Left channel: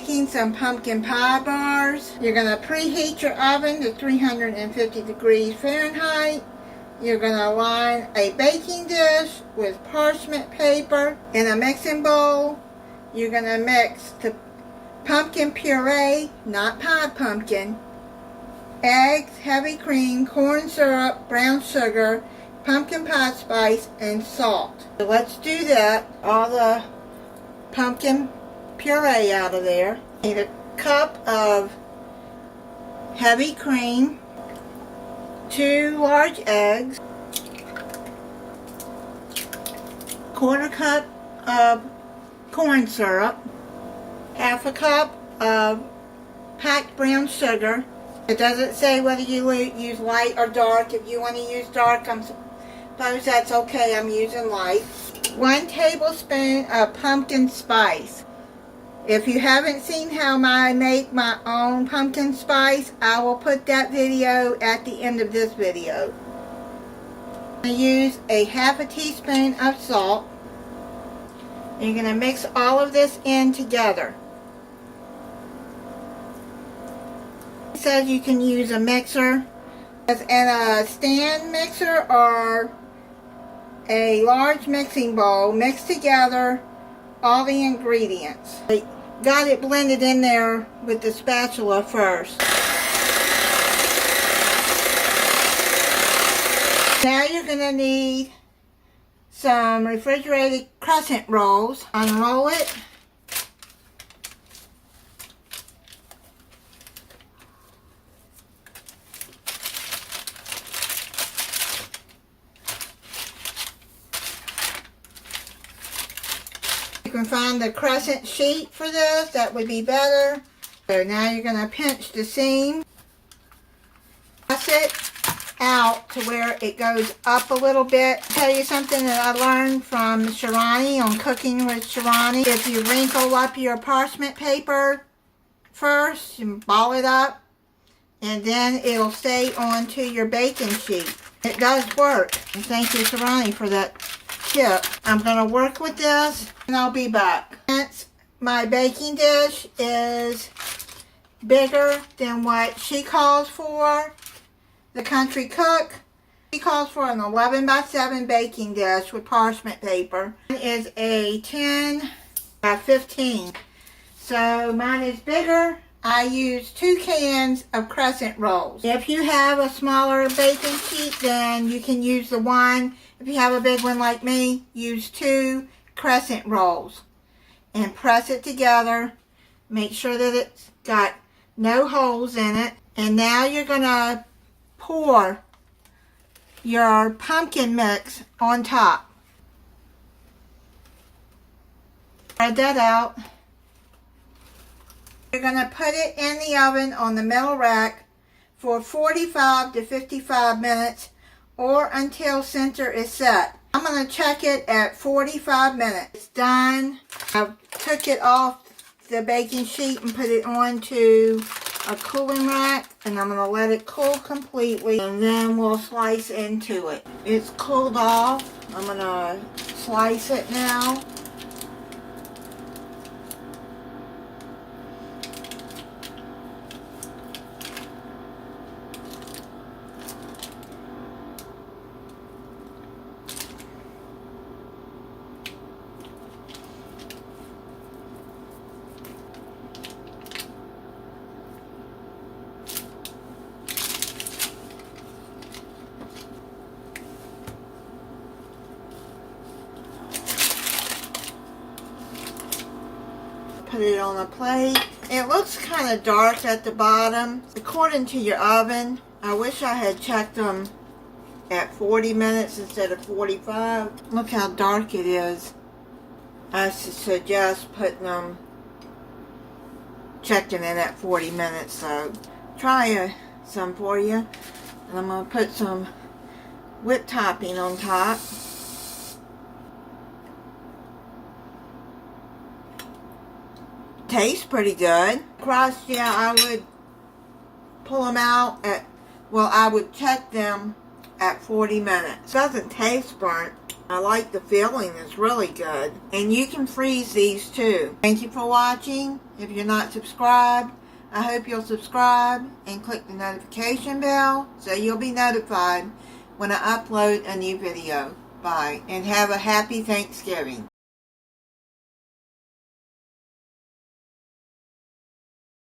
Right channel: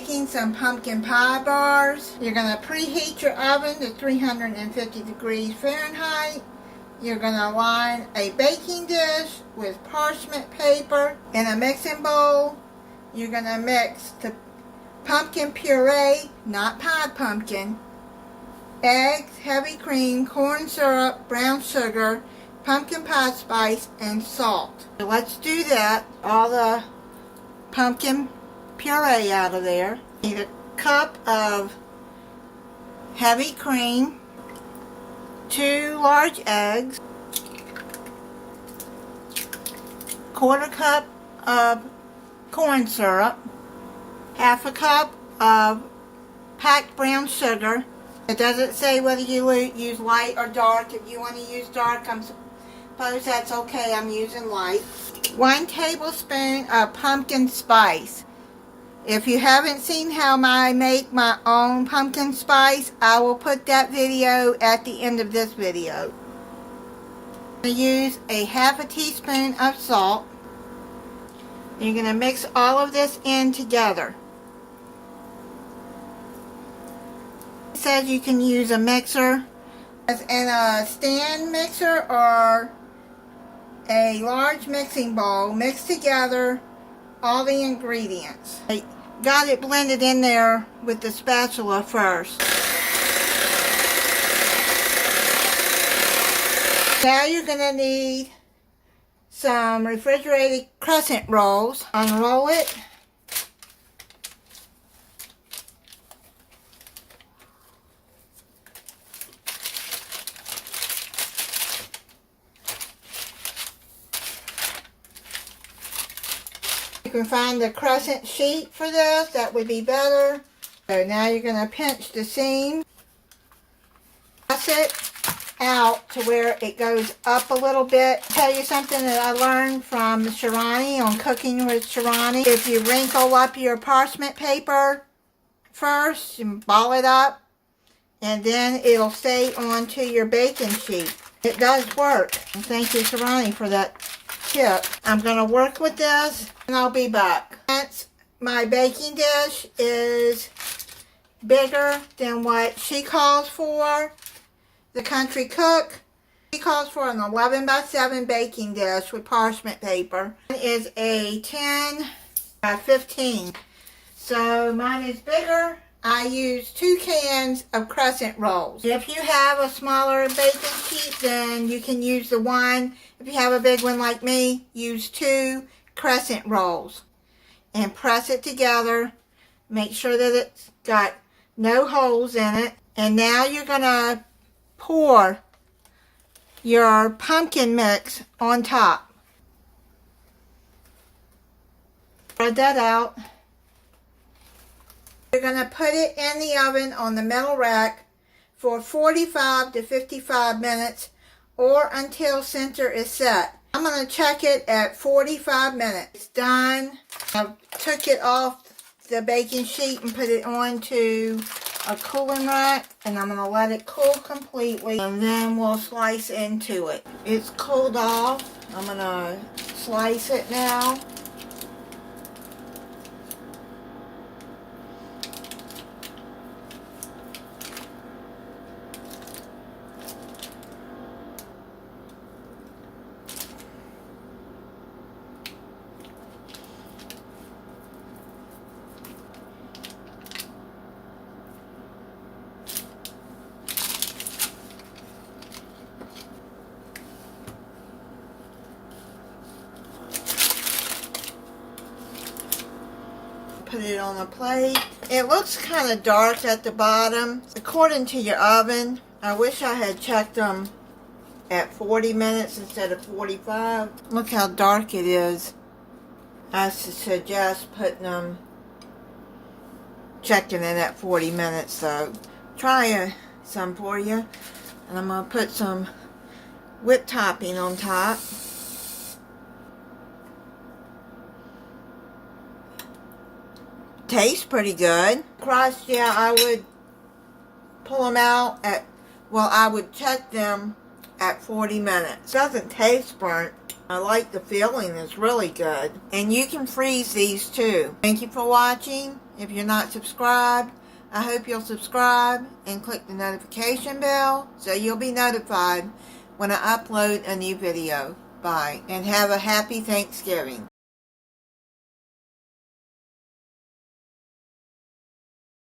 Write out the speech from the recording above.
making some pumpkin pie bars. You're going to preheat your oven to 350 degrees Fahrenheit. You're going to line a baking dish with parchment paper in a mixing bowl. You're going to mix the pumpkin puree, not pied pumpkin, eggs, heavy cream, corn syrup, brown sugar, pumpkin pie spice, and salt. So let's do that. All the pumpkin puree out of there. Need a cup of heavy cream, 2 large eggs, 1/4 cup of corn syrup, 1/2 cup of packed brown sugar. It doesn't say whether you use light or dark. If you want to use dark, I suppose that's okay. I'm using light. 1 tablespoon of pumpkin spice. If you haven't seen how I make my own pumpkin spice, I will put that video at the end of this video. I'm going to use a 1/2 teaspoon of salt. You're going to mix all of this in together. It says you can use a mixer in a stand mixer or a large mixing bowl. Mix together all the ingredients. I got it blended in there with the spatula first. Now you're going to need some refrigerated crescent rolls. Unroll it. You can find the crescent sheet for this. That would be better. So now you're going to pinch the seam. Press it out to where it goes up a little bit. I'll tell you something that I learned from Sharani on Cooking with Sharani. If you wrinkle up your parchment paper first, you ball it up, and then it'll stay onto your baking sheet. It does work. And thank you, Sharani, for that tip. I'm going to work with this, and I'll be back. Since my baking dish is bigger than what she calls for, the country cook, she calls for an 11 by 7 baking dish with parchment paper. It is a 10 by 15. So mine is bigger. I use 2 cans of crescent rolls. If you have a smaller baking sheet, then you can use the 1. If you have a big one like me, use 2 crescent rolls. And press it together. Make sure that it's got no holes in it. And now you're going to pour your pumpkin mix on top. Spread that out. You're going to put it in the oven on the metal rack for 45 to 55 minutes or until center is set. I'm going to check it at 45 minutes. It's done. I took it off the baking sheet and put it onto a cooling rack, and I'm going to let it cool completely, and then we'll slice into it. It's cooled off. I'm going to slice it now. Put it on a plate. It looks kind of dark at the bottom. According to your oven, I wish I had checked them at 40 minutes instead of 45. Look how dark it is. I suggest checking it at 40 minutes. So try some for you. And I'm going to put some whipped topping on top. Tastes pretty good. Crust, yeah, I would pull them out I would check them at 40 minutes. Doesn't taste burnt. I like the feeling. It's really good. And you can freeze these too. Thank you for watching, If you're not subscribed, I hope you'll subscribe and click the notification bell so you'll be notified when I upload a new video. Bye, and have a happy Thanksgiving.